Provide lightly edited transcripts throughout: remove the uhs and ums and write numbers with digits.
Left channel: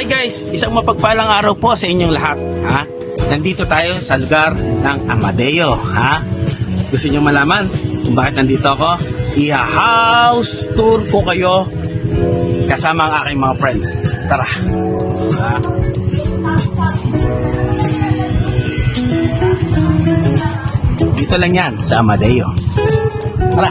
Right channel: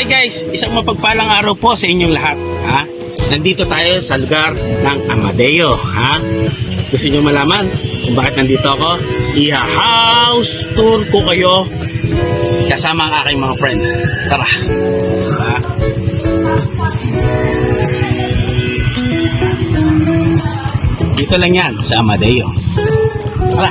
Hi guys, isang mapagpalang araw po sa inyong lahat. Ha? Nandito tayo sa lugar ng Amadeo. Ha? Gusto niyo malaman kung bakit nandito ako? I-house tour ko kayo kasama ang aking mga friends. Tara. Ha? Dito lang yan sa Amadeo. Tara.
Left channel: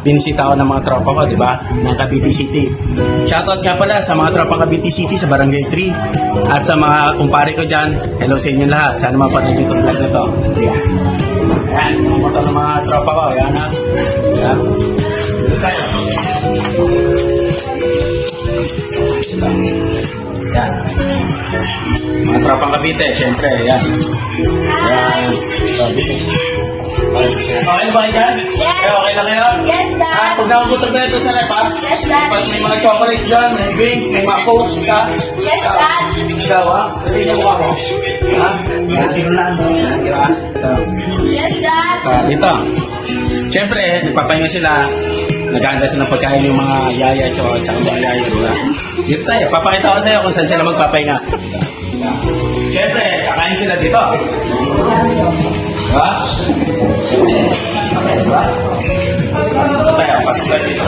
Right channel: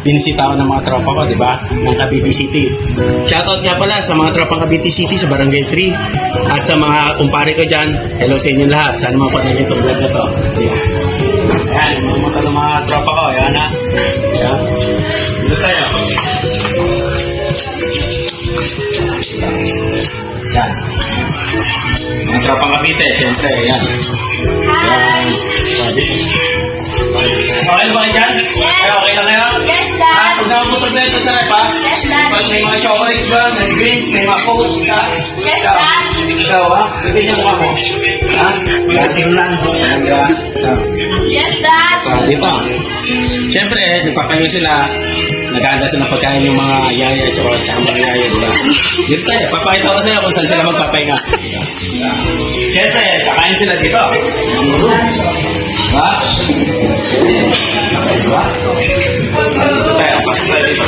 Binisita ako ng mga tropa ko, di ba? Ng Cavite City. Shoutout nga pala sa mga tropang Cavite City sa Barangay 3 at sa mga kumpare ko dyan. Hello sa inyo lahat. Sana mapanood nyo itong vlog na to. Ayan, mga mata ng mga tropa ko. Ayan ha. Ayan. Dito tayo. Ayan. Mga tropang Cavite, siyempre. Ayan. Ayan. So, dito. Okay na ba kayo dyan? Yes. Okay lang kayo? Yes, Dad. Pag nakaputog na ito sa rep, ha? Yes, Dad. Pag may mga chocolate dyan, may drinks, may mga coats, ha? Yes, Dad. Ikaw, ha? Lagyan niyo mukha mo. Ha? Lasing lang. Yes, Dad. Dito. Siyempre, nagpapahinga sila. Naghahanda sila ng pagkain yung mga yaya at saka mga yaya. Diba? Dito tayo. Papakita ko sa iyo kung saan sila magpapahinga. Siyempre, kakain sila dito. Ha? Dito tayo. Pasok tayo dito.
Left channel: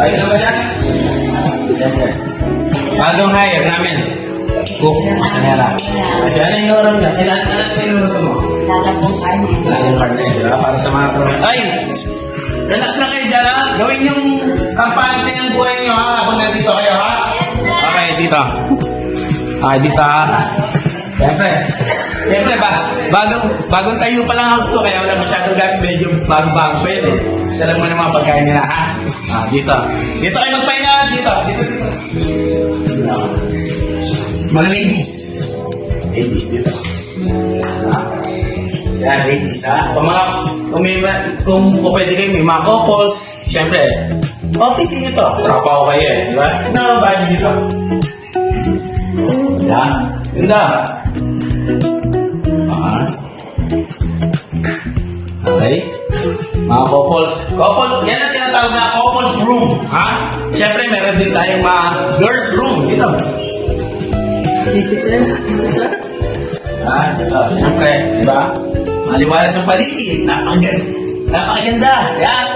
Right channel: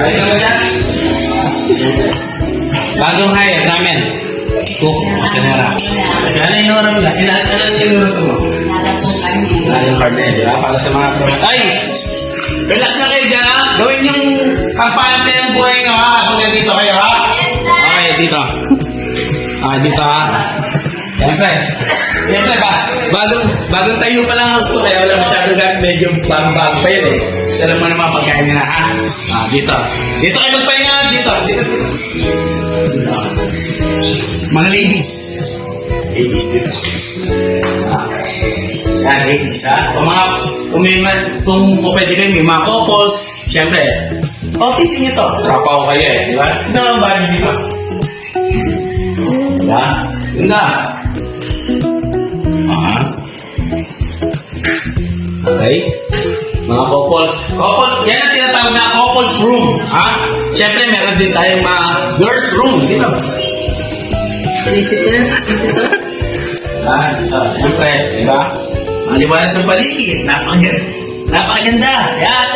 Ayun na ba yan? Bagong hire namin. Cook. Masanera. Kaya na inoram na. Ano inoram mo? Lalatong kami. Yung partner, di ba? Para sa mga... Ay! Relax na kayo dyan, ha? Gawin yung kampante ng buhay nyo, ha? Habang nandito kayo, ha? Yes, Dad. Okay, dito. Okay, dito, ha? Siyempre, bagong tayo pa lang house ko, kaya wala masyadong gamit, medyo bago pa yun, eh. Gusto lang mo naman pagkain nila, ha? Dito. Dito kayo magpahinga, dito. Dito. Mga ladies. Ladies, dito. Yan, ladies, ha? Kung pwede kayo, may mga couples, siyempre, okay sa inyo to. Tropa ko kayo, eh. Di ba? Tignan ang body dito. Yan. Ganda. Okay. Mga couples. Yan ang tinatawag na couples room. Ha? Siyempre, meron din tayong mga girls room. Dito. Visitor. Dito. Siyempre, di ba? Maliwanag sa paligid. Napakaganda. Yan.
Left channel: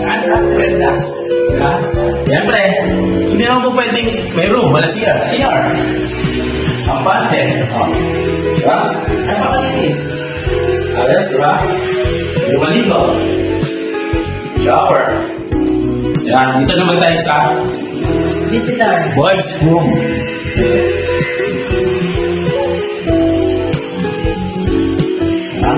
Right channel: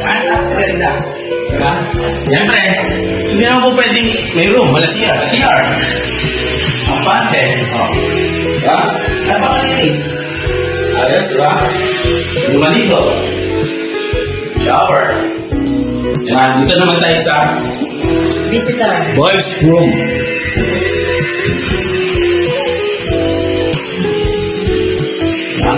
Napakaganda. Di ba? Siyempre, hindi naman po pwedeng may room. Wala CR. CR. Kapante. Diba? Napakalinis. Ayos, diba? May maligo. Shower. Yan. Dito naman tayo sa Visitor. boys room. Diba?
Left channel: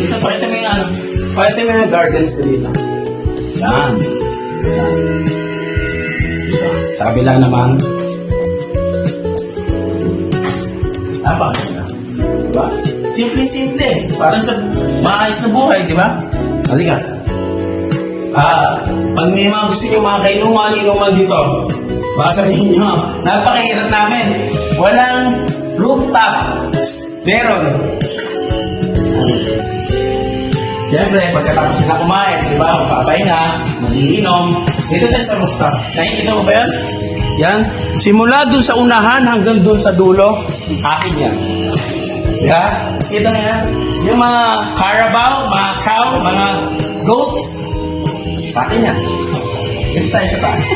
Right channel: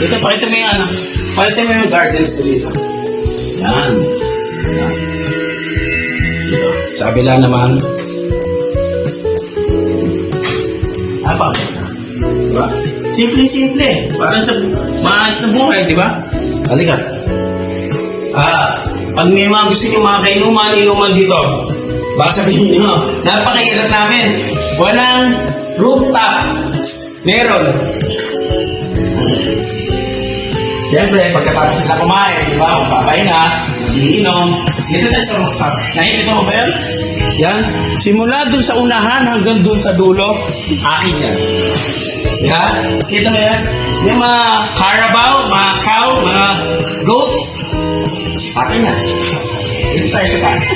Dito, pakita mo yung ano. Pakita mo yung gardens ko dito. Yan. Yan. Dito. Sa kabila naman. Napakaganda. Diba? Simple-simple. Parang sa maayos na buhay, di ba? Halika. Pag may mga gusto nyo mga inuman dito, baka sabihin nyo, napakahirap namin. Walang rooftop. Meron. Siyempre, pagkatapos sila kumain, di ba? Mapapahinga, mag-iinom. Dito tayo sa rooftop. Nakikita mo ba yan? Yan. Simula dun sa unahan hanggang dun sa dulo, akin yan. Diba? Kita mo yan? Yung mga carabao, mga cow, mga goats, sa akin yan. Dito tayo sa taas.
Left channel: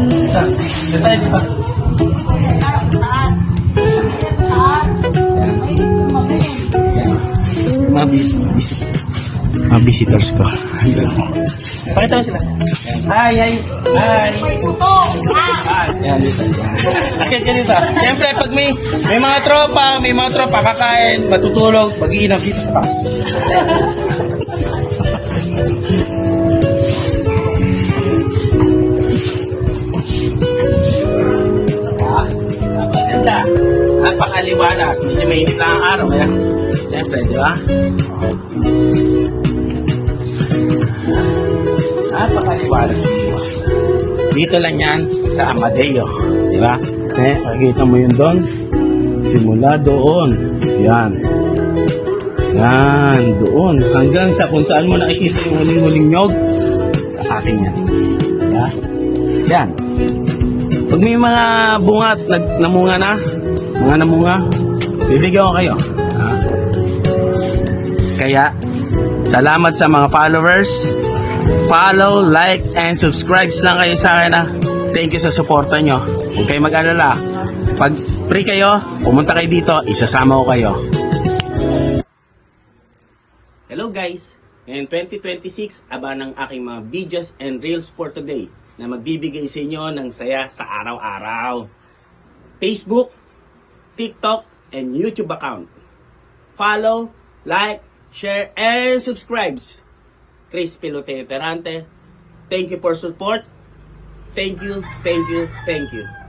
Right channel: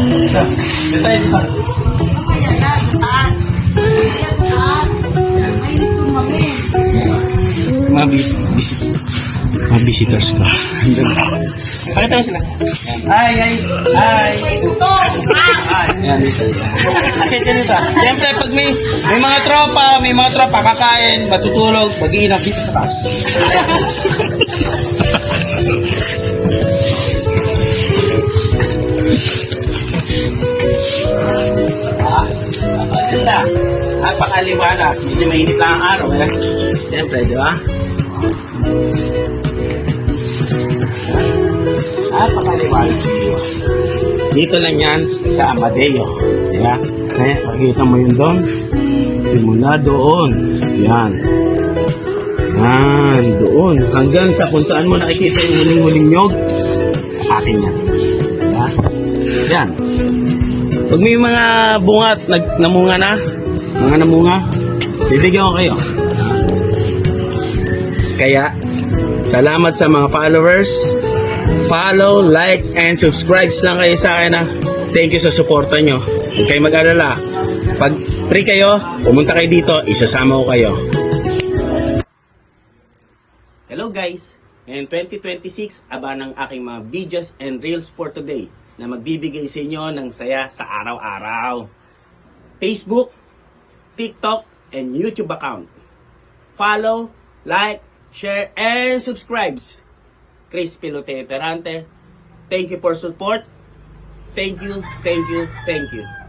Dito tayo dito. Mga visitors ko. Pakita mo sila. Hi. May tuto. Ayan, dito. Akit ka dito. Siyempre, pag may mga tropa, kakain, matutulog, mag-iinap dito sa taas. Ganda. Napakaliwalas. Medyo mainit lang ang araw. Kaya, siyempre, di ba? Napakaliwalas. Dito lang yan sa Amadeo. Di ba? Nakikita mo yun doon. Simula doon. Yan. Yan, doon. Hanggang sa kung saan mo nakikita yung huling-huling nyog, sa akin yan. Diba? Yan. Pag may mga bunga at namunga na, mga namunga, bibigyan ko kayo. Kaya, salamat sa mga followers. Follow, like, and subscribe lang kayo sa akin. Thank you sa suporta nyo. Huwag kayo mag-alala. Pag free kayo, pumunta kayo dito, isasama ko kayo. Hello guys! Ngayon 2026, aba ng aking mga videos and reels for today na magbibigay sa inyo ng saya sa araw-araw. Facebook, TikTok, and YouTube account. Follow, like, share, and subscribe. Chris Pilote Terante. Thank you for support. Thank you, thank you, thank you.